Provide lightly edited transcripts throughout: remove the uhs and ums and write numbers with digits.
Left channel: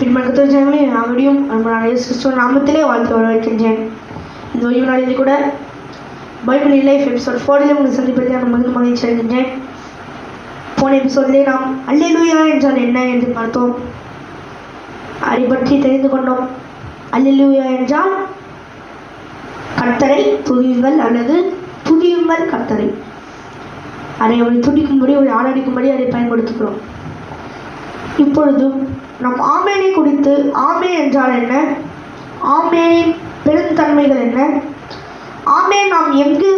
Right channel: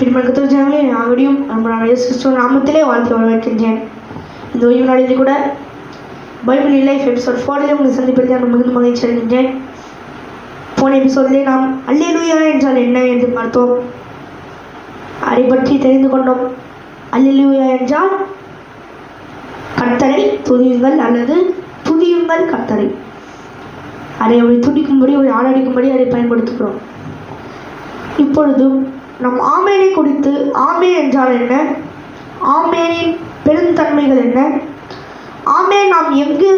பின்பற்றமே அவரையும் இயேசு கிறிஸ்துவ நாமத்திலே வாழ்த்து வரவேற்கின்றேன். இந்த ஓய்வு நாளில் கூட பைபிள் லைஃப் எபிசோட் 4 உங்களை சந்திப்பதை நான் மிகுந்த மகிழ்ச்சி அடைகின்றேன். போன எபிசோடிலே நாம் அல்லேலூயா என்றால் என்ன என்று பார்த்தோம். அதை பற்றி தெரிந்து கொண்டோம். அல்லேலூயா என்றால் கர்த்தரை துதியுங்கள் அல்லது துதியுங்கள் கர்த்தரை. அதை அவரை துதிக்கும்படி ஒரு ஆராதிக்கும்படி அதை பயன்படுத்துகிறோம். இப்பொழுதும் நம் ஆமேனை குறித்து ஆமேன் என்றால் என்ன, ஆமேனின் பெருந்தன்மைகள் என்ன, ஆமேன் நாம் எங்கு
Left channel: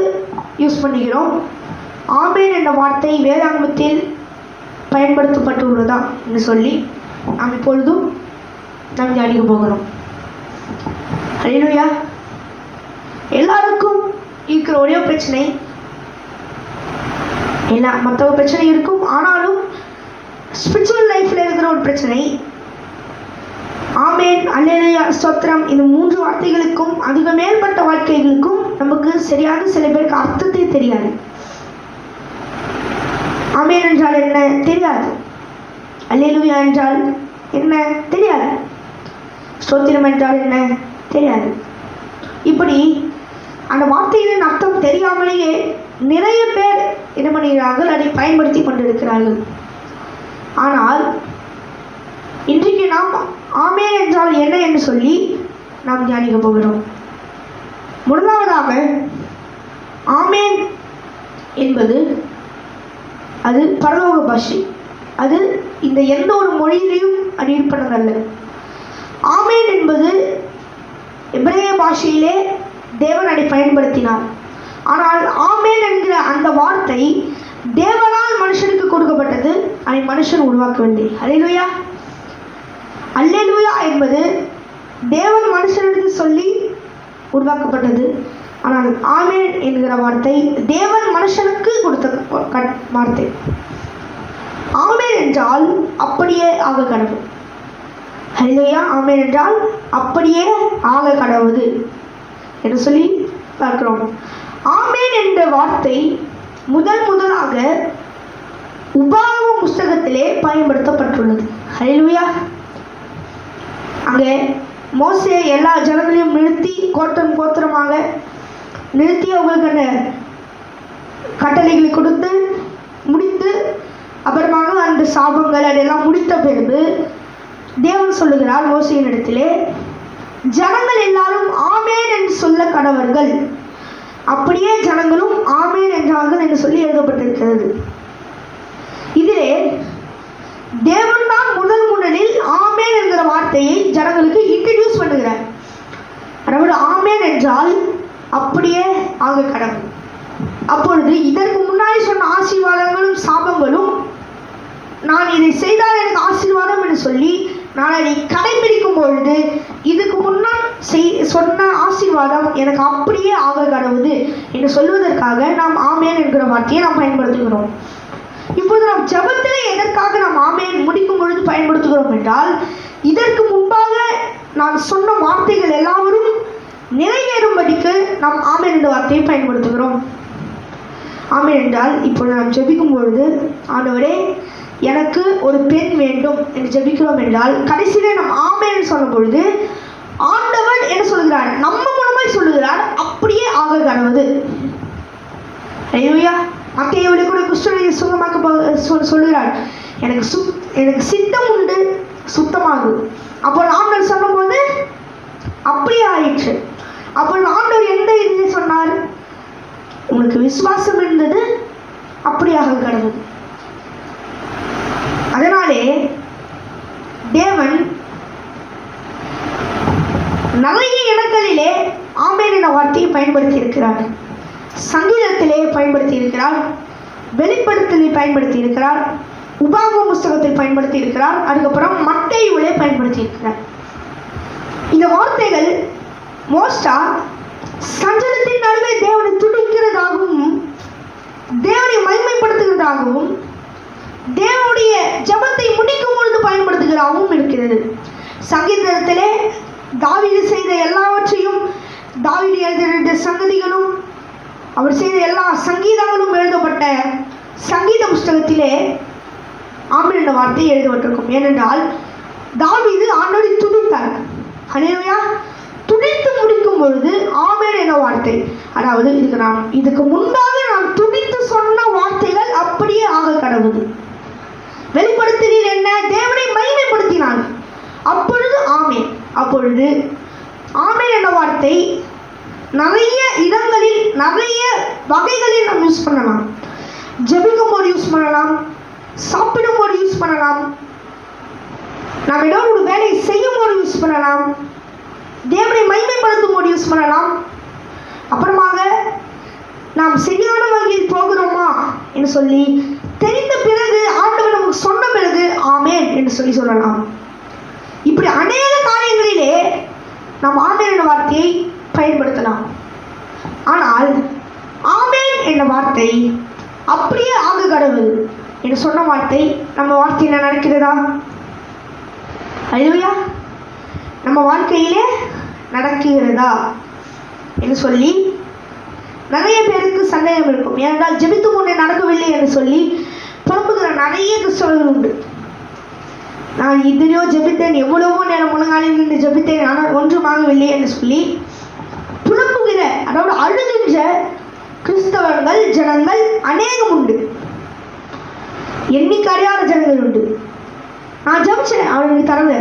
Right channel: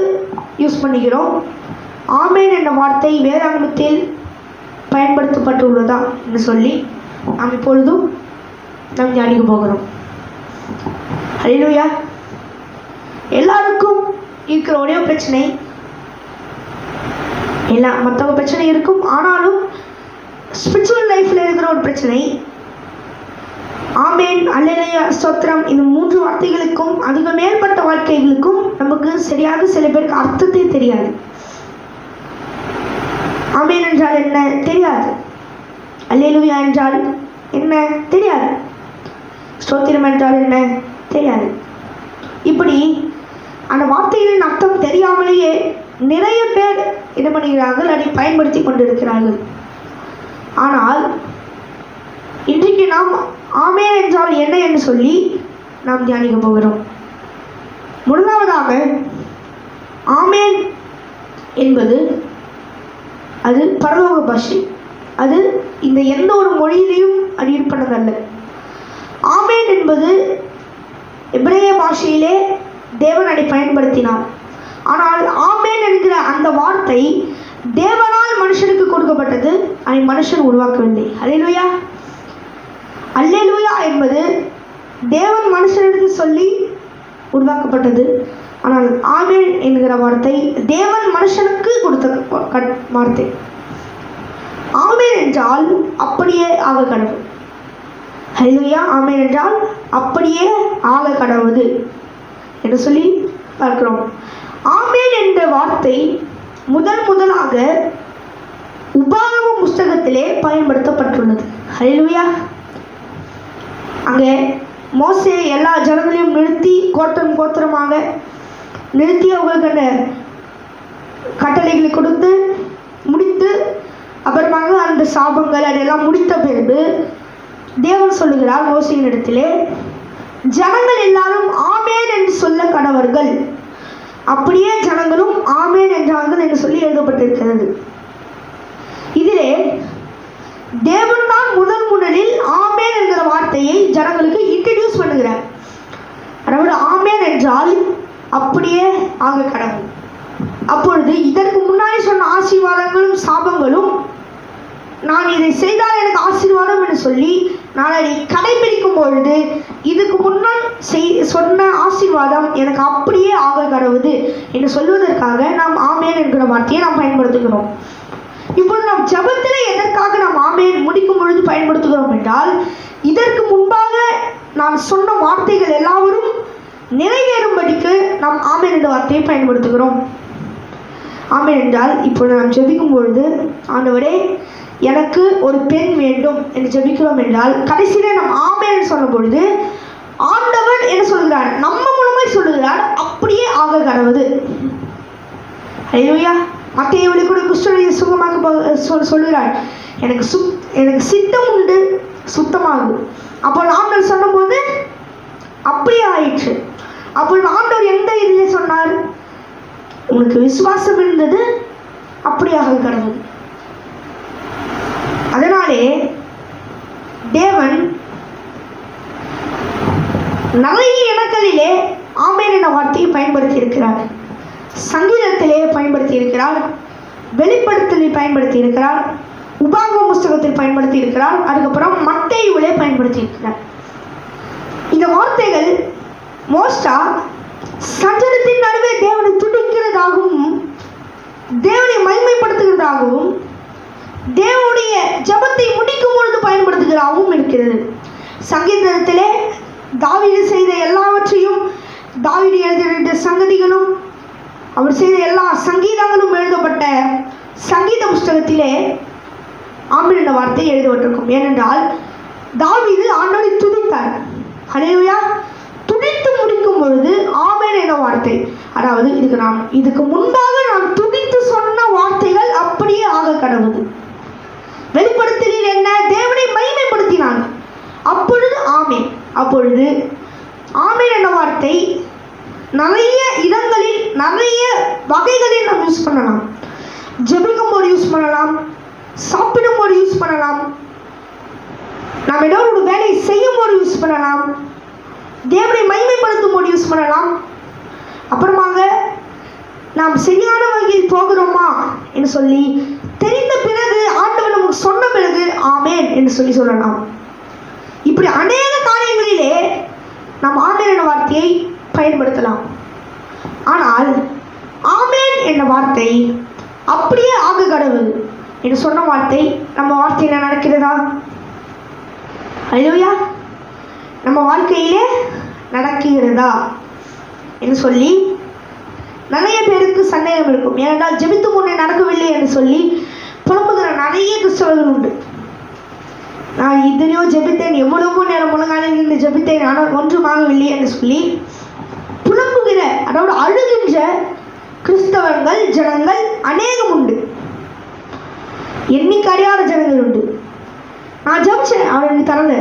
யூஸ் பண்ணுகிறோம், ஆமேன் என்ற வார்த்தை வேதாகமத்தில் பயன்படுத்தப்பட்டுள்ளதா என்று சொல்லி நாம் இப்பொழுதும் நாம் தியானிக்க போகிறோம். அல்லேலூயா. எல்லாருக்கும் இருக்கிற ஒரே பிரச்சனை, மற்ற பிரச்சனை இருக்கும், ஆனாலும் ஸ்பிரிச்சுவல் லைஃப்ல இருக்கிற ஒரு பிரச்சனை ஆமேன் அல்லேலூயா ஸ்தோத்திரம் இந்த 3 வார்த்தைகளுக்கும் அதிக மேற்பட்ட வாழ்க்கைகளுக்கும் நமக்கு சரியாக சில பேருக்கு அர்த்தத்தை தெரியாது. ஆமேன் என்றால் என்ன தெரியாது, அல்லேலூயா என்றால் என்ன தெரியாது, ஸ்தோத்திரம் என்றால் என்ன தெரியாது. இப்படி அந்த வார்த்தைகளின் அர்த்தம் தெரியாமலேயே நிறைய பேர் என்ன பண்ணுகிறார்கள், அதை பயன்படுத்தி கொண்டிருக்கிறார்கள். ஆனால் இன்றைக்கு நாம் ஆமேன் என்றால் என்ன என்று சொல்லி நாம் தியானிக்க போகிறோம். முதலாவதாக ஆமேன் என்பது அது பரலோக பாஷை. அது இந்த எந்த ஒரு மொழியிலையும் அது இருப்பதல்ல. ஆமேன் என்பது எபிரேய பாஷையிலே தேவன் அதை பயன்படுத்தினார். ஆனால் ஆமேன் என்கிற அந்த வார்த்தை தேவனால் மனுஷனுக்கு கொடுக்கப்பட்டது, அதை மனுஷன் உருவாக்கவில்லை. அல்லேலூயா. அல்லேலூயா என்பது தேவன் மனுஷனுக்கு சொல்லி உருவாக்கப்பட்டது. ஆனால் ஆமேன் என்கிற வார்த்தை தேவன் மனுஷனுக்கு கொடுத்த வார்த்தை. ஆமேன் என்றால் அப்படியே ஆக கடவுள். அல்லேலூயா. ஆமேன் என்றால் அப்படியே ஆக கடவுது என்று சொல்லி பார்க்கிறோம். ஆமேன் என்ற வார்த்தை முதலாக உபாகம புஸ்தகத்திலே பயன்படுத்தப்பட்டுள்ளது. அல்லேலூயா. அங்கே மோசே எல்லா ஜனங்களையும் நிறுத்தி கோத்திரமாக நிறுத்தி அவர்களுக்கான கட்டளைகளை கொடுத்து முடித்து அப்புறமாக அந்த சாபங்கள் அதெல்லாம் முடித்த பிறகு தேவன் சொல்லுகிறார் மோசேயின் இடத்திலே, ஜனங்கள் எல்லாரும் ஆமேன் என்று சொல்ல கடவர்கள். அப்படியே ஜனங்களும் ஆமேன் என்றார்கள் என்று சொல்லி எழுதப்பட்டிருக்கிறது. இதிலே தேவன் தான் முதலில் ஆமேன் என்கிற வார்த்தையை ஜனங்களுக்கு இன்ட்ரடியூஸ் பண்ணுகிறார். அதாவது ஆமேன் என்றால் அப்படியே ஆக கடவுள். அப்பொழுது இதற்கு முன்னாடி சொன்ன ஆசீர்வாதங்களும் சாபங்களும் நான் இதை செய்தால் எனக்கு ஆசீர்வாதம் என்று சொல்லி நான் அதை கடைபிடிக்கும் பொழுது இதுக்கு முன்னால் சொன்ன ஆசீர்வாதம் எனக்கு அப்படியே ஆக கடவுது என்று சொல்வதற்காக நாம் ஆமேன் என்கிற வார்த்தையை நாம் பயன்படுத்துகிறோம். இப்பொழுது நாம் ஜெபத்திலே எதற்காக நாம் ஆமேன் முடிக்கும் பொழுது பயன்படுத்துகிறோம் என்றால், இதற்கு முன்பாக நாம் சொன்ன வார்த்தைகள் எல்லாவரும் நிறைவேறும்படிக்கு நாம் ஆமேன் என்ற வார்த்தையை பயன்படுத்துகிறோம். ஆமேன் என்றால் இப்பொழுது நாம் ஜெபிக்கும் பொழுது, ஆண்டவரே எனக்கு ஒரு பெண் வேண்டும் என்று ஜெபிக்கிறோம் என்றால் கடைசியிலே நாம் ஆமேன் என்று சொல்லும் பொழுது ஆண்டவர் என்ன சொல்கிறார், நம்ம மூலமாய் சொல்லுகிறார், அப்படியே ஆக கடவுது. அல்லேலூயா. மத்தேயுவிலே கூட குஷ்டரோகியை சுகமாக சொல்கிறார், எனக்கு சித்தம் உண்டு சுத்தமாகும். அப்போ ஆண்டவர் சொல்லும்போது அப்படியே ஆயிற்று. அப்போ ஆண்டவர் எந்த இதிலே சொன்னார், உனக்கு விசுவாசம் இருந்தது அப்படியாக கடவுள். அதனாலே தேவன் நிறைய இடங்களிலே ஆமேன் என்ற வார்த்தையை பயன்படுத்தி இருக்கிறார். சங்கீதத்திலே பயன்படுத்தி இருக்கிறார், வெளிப்படுத்தலில் பயன்படுத்தி இருக்கிறார், உபாகம புஸ்தகத்தில் பயன்படுத்தி இருக்கிறார், அதுக்கப்புறம் மத்தேயுவிலே பயன்படுத்தி இருக்கிறார். இந்த வார்த்தைகள் மோஸ்டா சஞ்சலத்தின் நடுவே தேவனை துதிக்கிறதாகவும் தேவனை மகிமைப்படுத்துகிறதாகவும் தேவனுடைய ஜெபத்தை முடிக்கும் பொழுது பயன்படுத்துகிறதாகவும் இருக்கிறது. சங்கீதத்திலே தாவீது செய்த எல்லாவற்றையும், தாவீது எழுதிய சங்கதிகளும் அவர் செய்த எல்லா சங்கீதங்களும் எழுதப்பட்ட சங்கீத புஸ்தகத்திலே ஆமேன் என்ற வார்த்தை எழுதப்பட்டிருக்கும். ஏனென்றால் தாவீது ஆண்டவர் இதுக்கு முன்பாக நான் துடித்து சொன்ன வார்த்தைகள் அப்படியே ஆக கடவுது. வெளிப்படுத்தினீர் என்ன? தேவனை மகிமைப்படுத்தினார். அப்பொழுது ஆமென். அப்பொழுது ஆமென் என்ற வார்த்தை நிறைய இடங்களில் நிறைய வகைகளில் நாம் யூஸ் பண்ணலாம். ஜெபிக்கும் போது யூஸ் பண்ணலாம், சாப்பிடும் போது யூஸ் பண்ணலாம், நாம் ஏதோ ஒரு வேலை செய்யும் போது யூஸ் பண்ணலாம், தேவனை மகிமைப்படுத்தும் போது யூஸ் பண்ணலாம். அப்புறமாக நாம் சரியான வழியில் போகிறோமா என்று சொல்லி தெரிந்த பிறகு, ஆண்டவர் நமக்கு சொன்ன பிறகு ஆமென் என்று சொல்லலாம். இப்படி அநேக காரியங்களிலே நாம் ஆமென் என்ற வார்த்தையை பயன்படுத்தலாம். ஆனால் ஆமென் என்ற வார்த்தை அப்படியே ஆக கடவுள் என்று சொன்ன வார்த்தை நம்ம வார்த்தையில் நடக்கிறதா? அல்லேலூயா. நம்ம வாழ்க்கையிலே நடக்கிறதா என்று சொல்லி நிறைய பேருக்கு சந்தேகம் இருக்கும். ஏனென்றால் ஜெபித்து முன்னே நடக்கவில்லை என்று சொல்லி புலம்புகிற நிறைய கிறிஸ்தவர்கள் உண்டு. நான் இதுலையோ ஜெபித்தேன், எவ்வளவோ நேரம் முழங்காலில் நின்று ஜெபித்தேன், ஆனால் ஒன்றுமாகவில்லை என்று சொல்லி புலம்புகிற, அதோடு அழுகின்ற கிறிஸ்தவர்கள் ஜனங்கள் அநேகம் உண்டு. எண்ணிக்கை அறியாத ஜனங்கள் உண்டு. நான் ஜெபிச்சேன், அவனுக்கு தரல.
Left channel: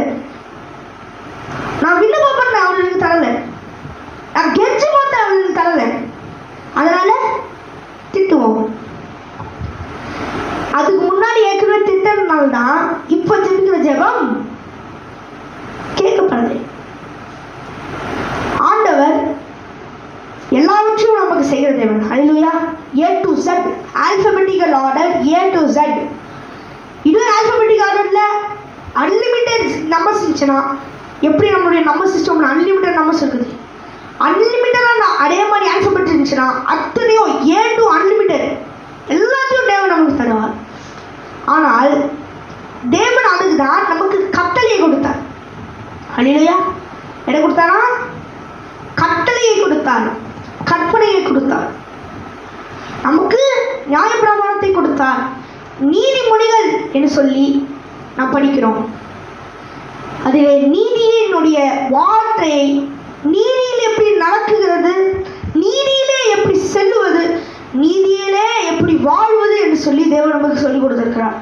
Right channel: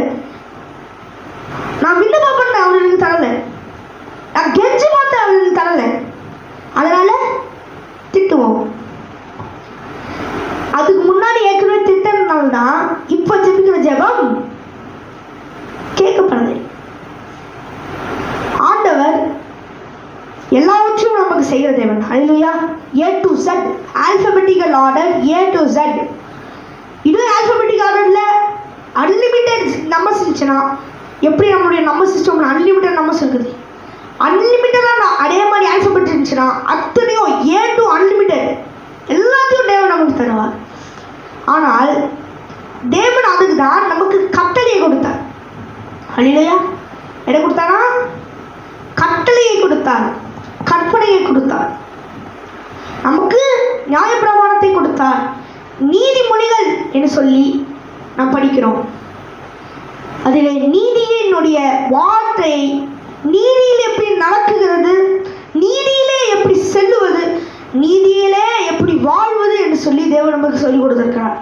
நான் விண்ணப்பம் பண்ணேன், அவனுக்கு தரல. நான் கெஞ்சி பார்த்தேன், அவனுக்கு தரல. அதனால திட்டுவோம். அதுக்கு முன்னாடி ஏற்கனவே திட்டனால்தான் இப்ப ஜெபிக்கிற ஜெபம் கேட்கப்படலை. ஆண்டவர் எல்லாவற்றையும் நமக்கு செய்கிற தேவன். அல்லேலூயா. A to Z alphabetical order, A to Z. இது alphabetical orderல அன்லிமிட்டெட் நம்பர்ஸ் இருந்துச்சுன்னா எப்படி நம்மளுடைய நம்பர் சிஸ்டம்ல அன்லிமிட்டெட் நம்பர்ஸ் இருக்குது, அன்லிமிட்டடாக அதே மாதிரி ஆல்பபெட் இருந்துச்சுன்னா அத்தனையும் A to அன்லிமிட்டெட் எல்லாத்தையும் தேவன் நமக்கு தருவார். ஆனால் தேவன் அதுக்கு தான் நமக்கு கட்டளையை கொடுத்தார். அல்லேலூயா. என்ன கொடுத்தாரா? கட்டளையை கொடுத்தார், கற்பனையை கொடுத்தார், நமக்கு நியாயப்பிரமாணத்தை கொடுத்தார். நீதிமொழிகள் என்று சொல்லி நாம் படிக்கிறோம். அதிலே நீதியினுடைய வார்த்தையை, நீதியில் எப்படி நடக்குகிறது, நீதியிலே எப்படி செல்லுவது, நீதியிலே எப்படி வாழ்வது என்று சொல்லி தேவன் நமக்கு சொல்லிக் கொடுத்திருக்கிறார்.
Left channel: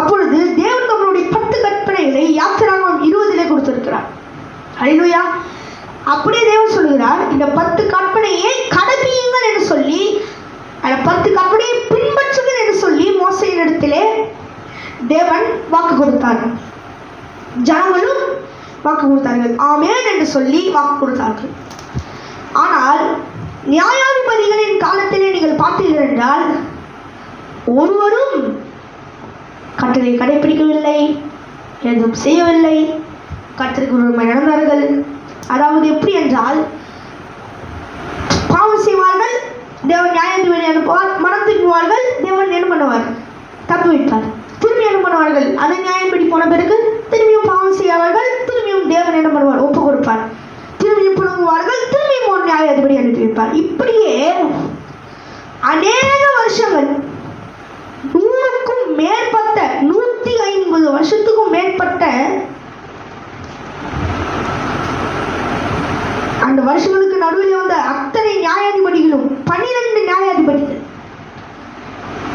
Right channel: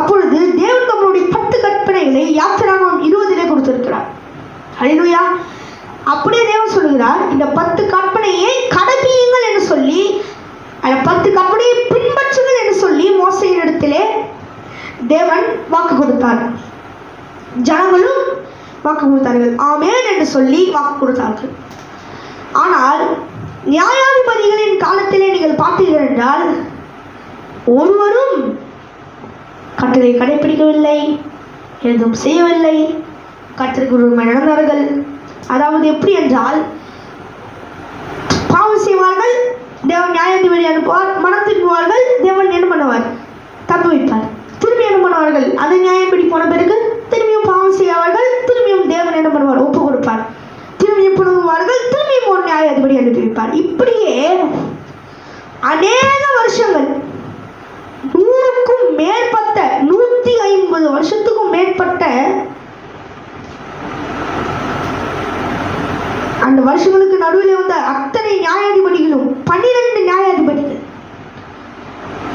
அப்பொழுது தேவன் நம்மளுடைய 10 கற்பனைகளை யாத்திராகமம் 20 கொடுத்திருக்கிறார். அல்லேலூயா. அப்படியே தேவன் சொல்கிறார், இந்த 10 கற்பனையை கடைபிடியுங்கள் என்று சொல்லி, அந்த 10 கற்பனையை பின்பற்றுங்கள் என்று சொல்லி மோசேயின் இடத்திலே தேவன் வாக்கு கொடுத்தார். ஜனங்களும் வாக்கு கொடுத்தார்கள், ஆமென் என்று சொல்லி வாக்கு கொடுத்தார்கள். ஆனால் நியாயாதிபதிகளின் காலத்திலே நீங்கள் பார்த்தீர்கள் என்றால் ஒருவரும் கட்டளை கடைபிடிக்கவில்லை, எதுவும் செய்யவில்லை, கர்த்தருக்கு விரோதமாக நடந்தார்கள். அதாவது எப்படி என்றால், பாவம் செய்வார்கள், தேவன் நியாயாதிபதி அனுப்புவார், மனம் திரும்புவார்கள், தேவன் என்ன பண்ணுவார்? தப்பு வைப்பார். திரும்பி என்ன பண்ணுவார்கள்? அது நியாயப்படி போன பிறகு திரும்பியும் பாவம் செய்வார்கள், திரும்பியும் தேவன் என்ன பண்ணுவார்? ஒப்பு கொடுப்பார். திரும்பியும் புலம்புவார்கள், திரும்பியும் ஒரு நியாயாதிபதி அனுப்பி வைப்பார். இப்படியே அநேக வருஷங்கள், 100க்கும் மேற்பட்ட 150 வருஷத்துக்கும் மேற்பட்ட அந்த வருஷங்களுக்கு நடுவில் வந்த அத்தனை நியாயாதிபதிகளும் 12 நியாயாதிபதிகள்,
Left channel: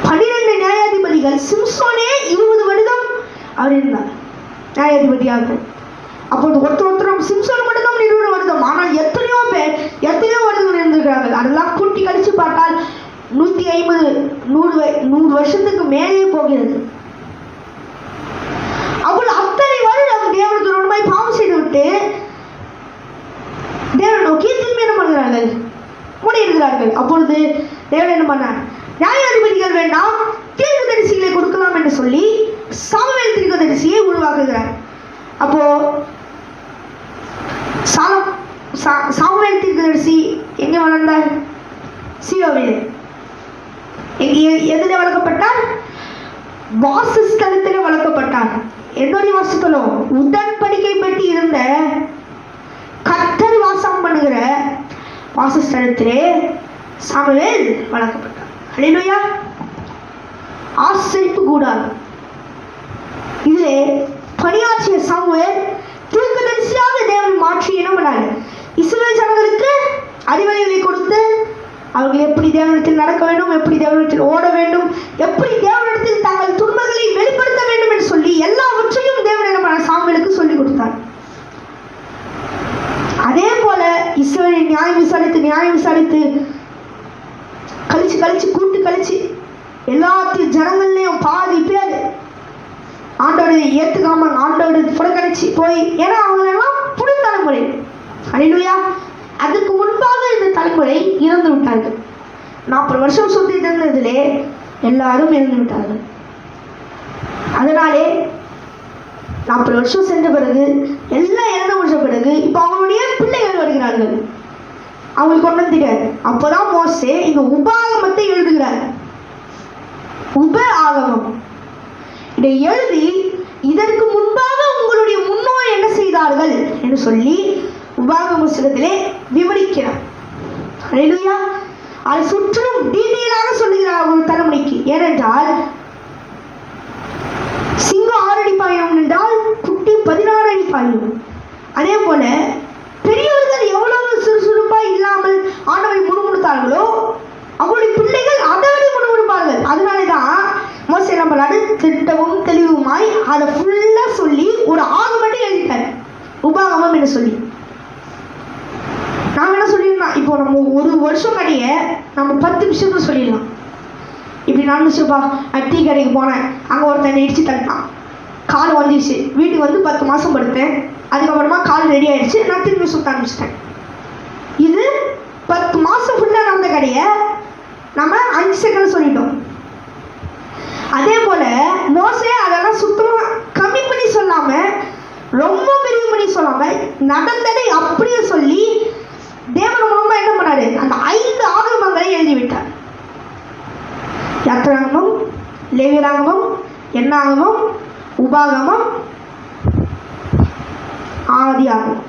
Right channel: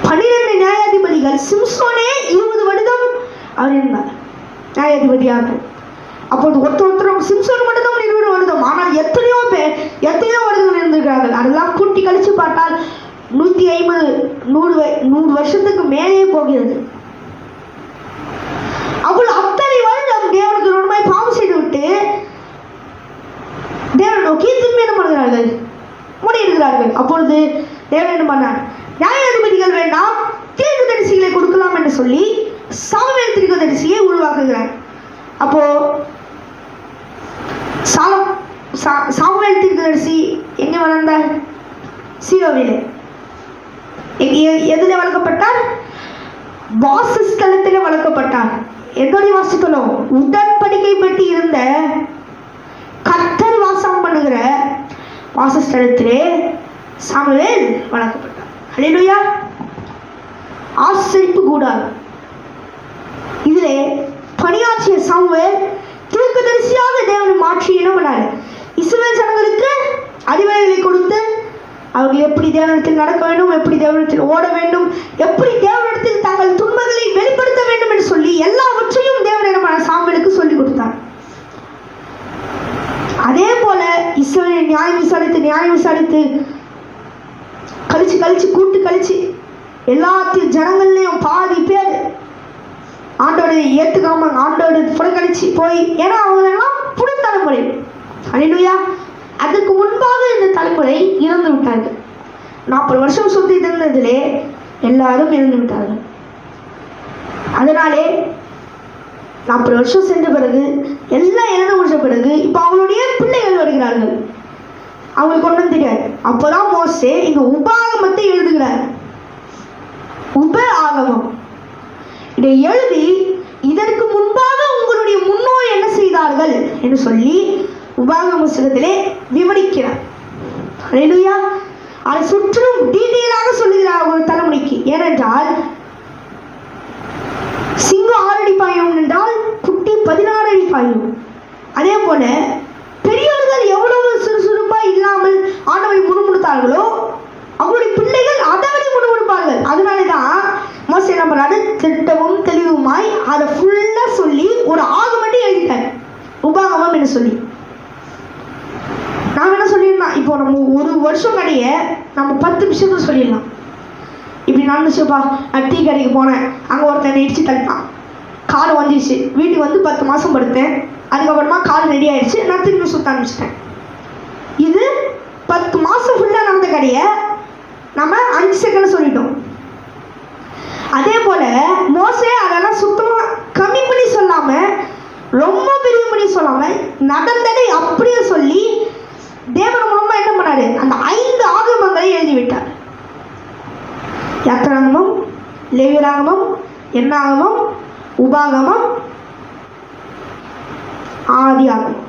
12 நியாயாதிபதிகள். சிம்சோனே 20 வருடம் அவர் இருந்தார் நியாயாதிபதியாக. அப்போது ஒருத்தரும் சிம்சோன் மட்டும் 20 வருடம், ஆனால் எத்தனையோ பேர் எத்தனையோ வருடம் இருந்திருக்கிறார்கள். அதெல்லாம் கூட்டி கழிச்சு பார்த்தால் 150 100 வருஷத்துக்கு மேலே போகிறது. அவள் அத்தனை வருடம் தேவனுக்கு உண்மை பாவம் செய்து விட்டு தேவன் நோக்கி திரும்பி என்ன பண்ணுகிறார்கள்? மூடி இருக்கிறார்கள். அப்பொழுது தேவன் என்ன பண்ணார்? நியாயாதிபதிகள் வேண்டாம், தீர்க்கதரிசிகளை கொடுக்கலாம் என்று சொல்லி சாமுவேல் தீர்க்கதரிசியை உருவாக்குகிறார். அப்போ சாமுவேல் தீர்க்கதரிசி எங்க வளர்ந்தார்? சீலோவிலே. எதிலே வளர்க்கப்பட்டார்? வாசஸ்தலத்திலே வளர்க்கப்பட்டார். எதோடைய வாசஸ்தலம்? உடன்படிக்கை பெட்டி இருந்த கர்த்தர் வாசம் பண்ணுகிற வாசஸ்தலத்திலே சாமுவேல் வளர்க்கப்பட்டார். அல்லேலூயா. ஆசரிப்பு கூடாது. இதிலே பணியாற்றிய சாமுவேல் தீர்க்கதரிசியாக தேவன் மாற்றினவனார். இஸ்ரவேல் ஜனங்களுக்கு அறிவுரைகளை கொடுத்து அவர்கள் எப்படி நினைச்சு போய், ஏன்னா அவங்களெல்லாம் புது தலைமுறை. அல்லேலூயா. அதுக்கு முன்பாக இந்த தலைமுறை இறந்து விட்டார்கள். 40 வருஷம் சுத்தி இருந்ததிலே எல்லாரும் இறந்து விட்டார்கள். அதனாலே 40 வருஷம் சென்ற பிறகு எல்லாம் இறந்து முடிச்ச பிறகு இப்ப அவங்களுடைய பிள்ளைகள் வருகிறார்கள். அவங்களுக்கு ஒன்றும் தெரியாது. அப்போதான் மோசே இந்த உபாகமத்தை எழுதுகிறார். உப ஆகமம் இதை எழுதி இதற்கு முன்பாக உங்களுடைய முன்னோர் என்ன செய்தார்கள் என்று சொல்லி உபாகம புத்தகத்திலே விவரிக்கிறார். அல்லேலூயா. அதை சுற்றும் டீட்டெயிலாக சொல்லுகிறார் ஒரு தலைமுறைக்கு. ஏனென்றால் சிங்கம் 6 அடி பாயும் என்றால் குட்டி 16 அடி பாயும். அதே போல பெரியவர்கள் எவ்வளவு சுறுசுறுப்பாக இல்லாமல் ஆண்டவரை முணுமுணுத்தார்களோ அவருடைய பிள்ளைகள் அதை விட முணுமுணுப்பார்கள். அதனாலதான் மோசே நம்மளால திட்டமும் தெளிவுமாய் அதை ஃபுல்லா சொல்லி ஒரு ஆகமம் எழுதிட்டார், உபாகமம் என்று சொல்லி. நாம என்ன சொல்லிடலாம், இப்போ நம்ம ஒரு வருஷம் கடைய நம்ம 10 நிமிஷம் சொல்லிடலாம். இப்படி நடந்துச்சுப்பா, நான் டீ கடைக்கு போனேன், அங்கே ஒருத்தன் இடிச்சு தட்டான், கார் வந்துடுச்சு, வீட்டுக்கு வந்து 10 மாதம் படுத்தேன், அதுக்கப்புறமா கார் ரெடி ஆயிடுச்சு, நான் திருப்பி சுத்த ஆரம்பிச்சிட்டேன். இது 10 மாதம் ஃபுல்லாக நடந்த கடையை நம்ம 5 செகண்ட் சொல்லிட்டோம். அதே போல மோசே அதெல்லாம் சுத்தமாக கம்மி பண்ணி சொல்லாம, ரொம்ப பெரிய பண்ணி சொல்லாம, நடந்ததை அப்படியே சொல்லி தேவன் மூலமா என்ன பண்ணாரு, அந்த 5 ஆகமங்களை எழுதிவிட்டார். யாத்திராகமம், லேவியராகமம், எண்ணாகமம், உபாகமம், ஆதியாகமம்.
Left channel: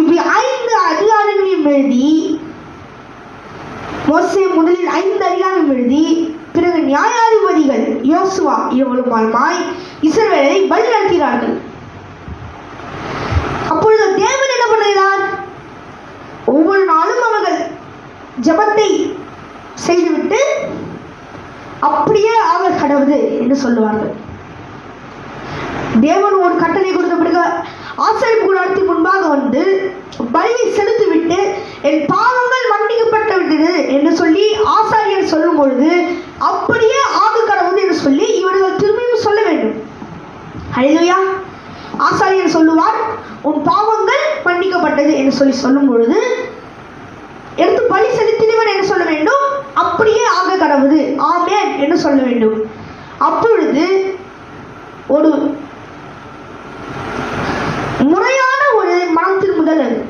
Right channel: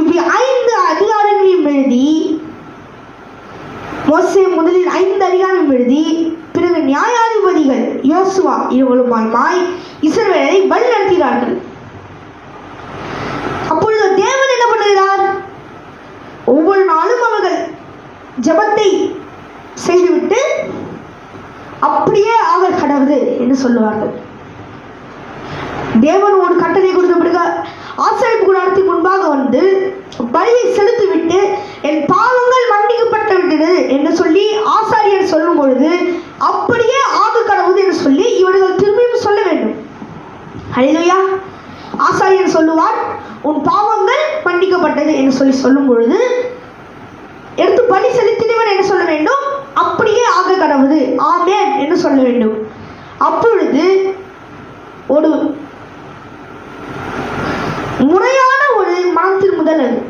இப்படி 5 அதிகாரங்களையும் எழுதி மோசே முதலில் 5 அதிகாரம் எழுதி பிறகு நியாயாதிபதிகள் யோசுவா இவர்கள் மூலமாய் இஸ்ரவேலை வழி நடத்தினார்கள். அப்பொழுது தேவன் என்ன பண்ணுகிறார், ஒவ்வொரு நாளும் அவர்கள் ஜெபத்தை செய்துவிட்டு அப்படியே அவர் கடவுது என்று சொல்லுவார்கள். தேவன் ஒரு கட்டளை கொடுத்த பிறகு ஆசரிப்பு கூடாரத்தின் முன்பாக வந்து பலியை செலுத்திவிட்டு என் பாவங்கள் மன்னிக்கப்பட்டு விட்டது என்று சொல்லி ஆசாரியர் சொல்லும் பொழுது அப்படியே ஆக கடவுது என்று சொல்லி இவர்கள் திரும்பியும் சொல்ல வேண்டும். அல்லேலூயா. ஆசாரியர் சொல்லுவார், உன் பாவங்கள் மன்னிக்கப்பட்டது என்று சொல்லி சொல்லும் பொழுது எடுத்து பலி செலுத்தினவன் என்ன சொல்ல வேண்டும், அப்படியே ஆக கடவுது ஆமென் என்று சொல்ல வேண்டும். அப்பொழுது ஒரு முறையான ஒரு மனம் திரும்புதல் அது.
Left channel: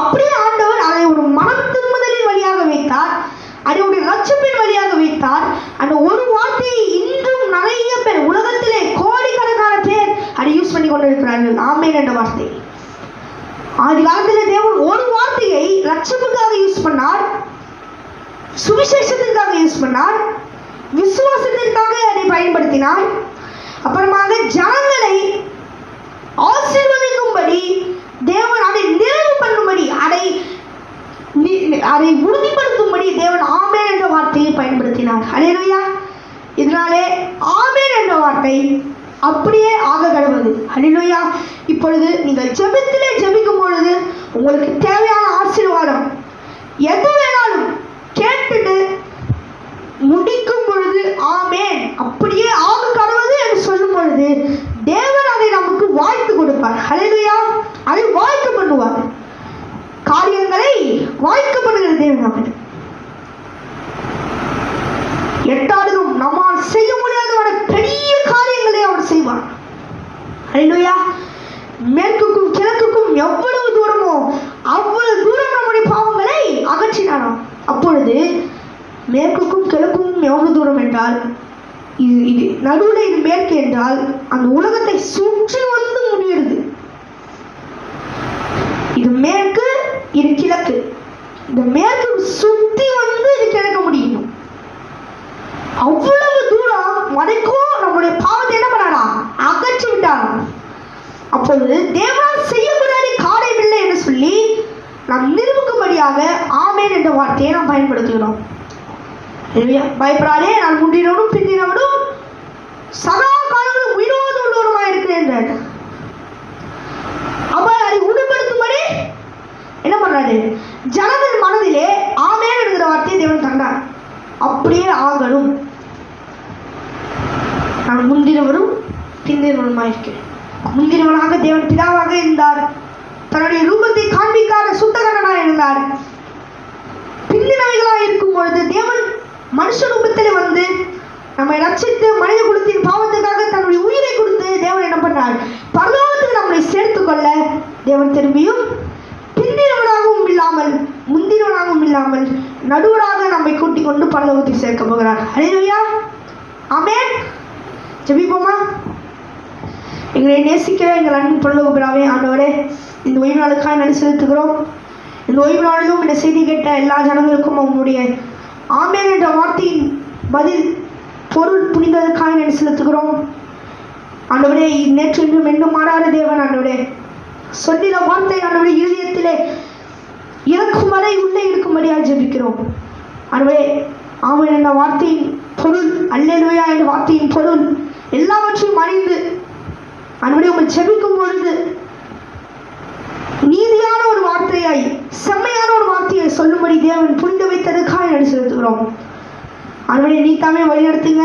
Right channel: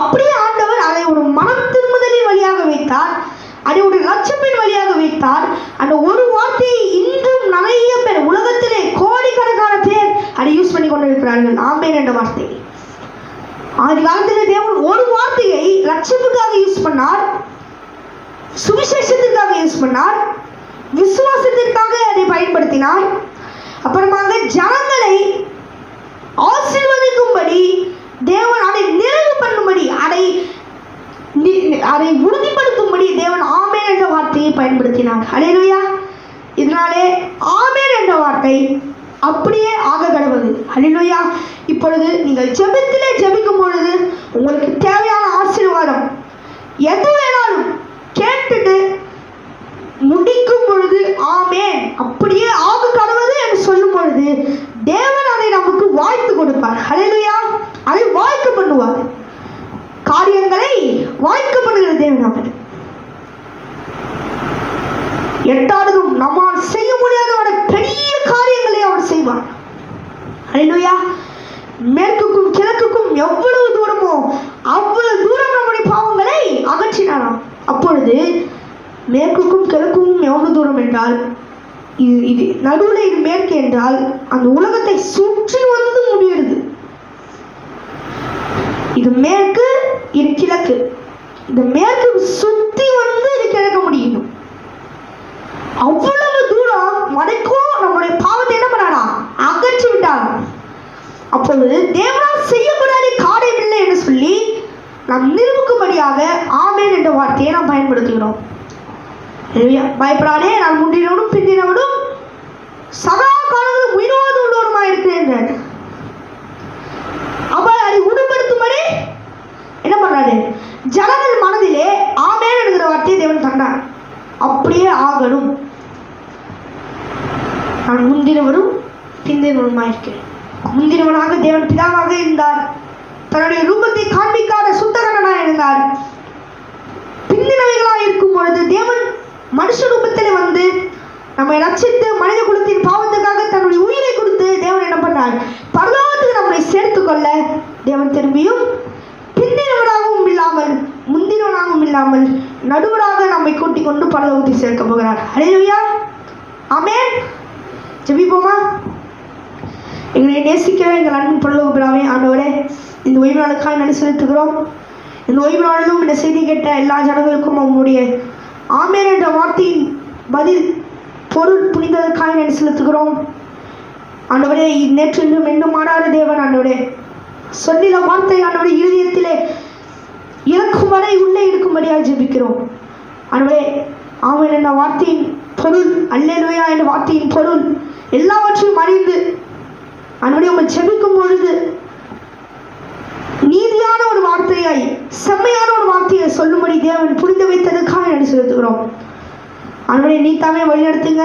அப்படியே ஆண்டவர் அதை ஒரு மனம் திரும்புதலின் வழியாக வைத்தார், அதை ஒரு லட்சப்பின் வழியாக வைத்தார். அந்த ஒரு வார்த்தையை இன்றும் நிறைய பேர் உலகத்திலே கோடிக்கணக்கான பேர் அதை யூஸ் பண்ணி கொண்டிருக்கிறார்கள். ஆமென் என்ற வார்த்தை. ஆதி காலத்திலே தேவன் ஒரு வார்த்தையை லட்சத்துக்காக யூஸ் பண்ணார், சுவிசேஷத்திற்காக யூஸ் பண்ணார், விசுவாசத்திற்காக அதை பயன்படுத்தினார். அப்புறமாக ஜனங்களை ஆசீர்வதிக்கும்படி தேவன் அதை நிறைவு பண்ணும்படி அதை உறுதிப்படுத்தும்படி தேவன் ஆமென் என்ற வார்த்தையை பயன்படுத்தினார். அல்லேலூயா. இதனாலே ஆமென் என்ற வார்த்தை அப்படியே ஆக கடவுது. அல்லேலூயா. இப்பொழுது நீங்கள் ஜெபத்திலே ஜெபிக்கும் பொழுது உங்களுக்கு தேவையான ஆசீர்வாதம் எது வேணாலும் கேட்டுட்டு முடிக்கும் பொழுது ஆமென் அப்படியே ஆக கடவுது என்று சொல்லும் பொழுது தேவன் அதை நமக்கு வாய்த்து கொடுப்பார். அல்லேலூயா. அதை வாய்க்க பண்ணுவார். காரியங்களை வாய்க்க பண்ணுகிற தேவன் அவர். எட்டாவதும் நம்மால் செய்ய முடியாத பெரிய காரியங்களை அவர் செய்வார். அல்லேலூயா. மேற்குக்கும் கிழக்குக்கும் எவ்வளவு தூரமோ அவ்வளவு தூரம் நம்முடைய பாவங்களை அகற்றினாராம். அப்பொழுது மேற்குக்கும் கிழக்கும் எவ்வளவு தூரம் என்றால் இது நடுவில் இது மேற்கு என்றால் அந்த உலகத்தை சுற்றி வந்து முடியுது. இது மேற்கு, இது கிழக்கு. இந்த மேற்கு சுத்தி வந்து இது கிழக்க முடியும். அவ்வளவு தூரம் வரைக்கும் நம்முடைய பாவத்தை என்ன பண்ணாரா, அகற்றி விட்டார். அப்பொழுது தேவனால் செய்ய முடியாத காரியம் இல்லை என்று சொல்லி நாம் நிரூபிக்கும்படியாக ஆமென் என்ற வார்த்தையை நாம் பயன்படுத்துகிறோம். பயப்படாதே, நான் முன்னினோடும் பின்னினோடும் சதா காலங்களும் உயிரோடு உள்ளவருமாய் இருக்கிறேன். அவர் அதை உணர்படுத்தும்படி என்ன பண்ணாரு, ஜனங்கள் மனதிலே ஆமென் என்கிற வார்த்தையை தேவன் தந்தார். அப்படியே ஆகணும். நான் முந்தினவரும் பிந்தினவருமாய் இருக்கிறேன். முந்தினவனாக தேவன் பிதாவாக இருந்தார். தன்னுடைய ரூபத்தை காண்பிக்காத சுத்தகனாக இருந்தார். பிந்தினவைகளாக இருக்கும் பொழுது தேவன் மனுஷ ரூபத்தில் வந்து நம்மை ரட்சித்து மனித குலத்தின் பாவத்துக்காக தன்னுடைய உயிரை கொடுத்து தேவன் என்ன பண்ணார்? பரலோகத்துக்கு நம்மை சேர்த்து கொள்ள தேவன் திரும்பியும் பிந்தினவனாகவும் இல்லாமல் முந்தினவனாகவும் இல்லாமல் நடுவராக நம்மை கூட்டிக் கொண்டு பரலோகத்தில் சேர்க்க போகிறார். ஹல்லேலூயா, ஆமென். ஜெபிப்போமா? எங்களை நேசிக்கிற எங்கள் அன்பின் பரலோக பிதாவே, ஆண்டவரே, இந்த ஓய்வு நாளுக்காக நன்றி செலுத்துகிறோம். இந்த ஓய்வு நாளிலும் இந்த செய்தி கேட்ட எல்லா ஜனங்களுக்கும் அவங்களுடைய ஆமென் என்ற வார்த்தையின் பதில் பொருள் புரிந்ததற்காக நன்றி செலுத்துகிறோம். ஆண்டவரே, நேற்று இன்றும் இன்னும் மாறாத தேவன், ஆண்டவரே, சொல்லின வார்த்தை ஆண்டவரே இருதயத்திலே இறக்கும் வரை உள்ளே இருக்கும்படியாக ஜெபிக்கிறோம். ஆண்டவரே, ஆமென் என்ற வார்த்தையின் பொருள், அல்லேலூயா என்ற வார்த்தையின் பொருள் எல்லாவற்றையும் அறிந்து ஆண்டவரே உங்கள் ஜெபிக்கும் பொழுது நீதியான ஒரு வார்த்தையாய் செம்மையான ஒரு வார்த்தையை சொல்லும்படி தேவன் புரிந்து வைத்ததற்காக நன்றி செலுத்துகிறோம். ஆண்டவரே, நீ தாமே வழிநடத்துங்க.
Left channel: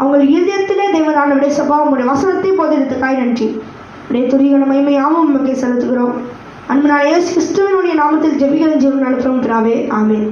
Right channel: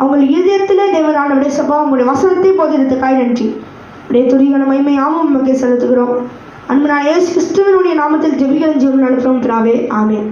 அவங்க இதயத்திலே தேவன் ஆண்டவரே சபா உங்களுடைய வசனத்தை போதினத்துக்காக நன்றி. உடைய துரியான மகிமையாகவும் நமக்கு செலுத்துகிறோம். அன்பு நான் இயேசு கிறிஸ்துவினுடைய நாமத்தில் ஜெபிக்கிறேன், ஜெபம் நடத்துகிறோம். ஆமென்.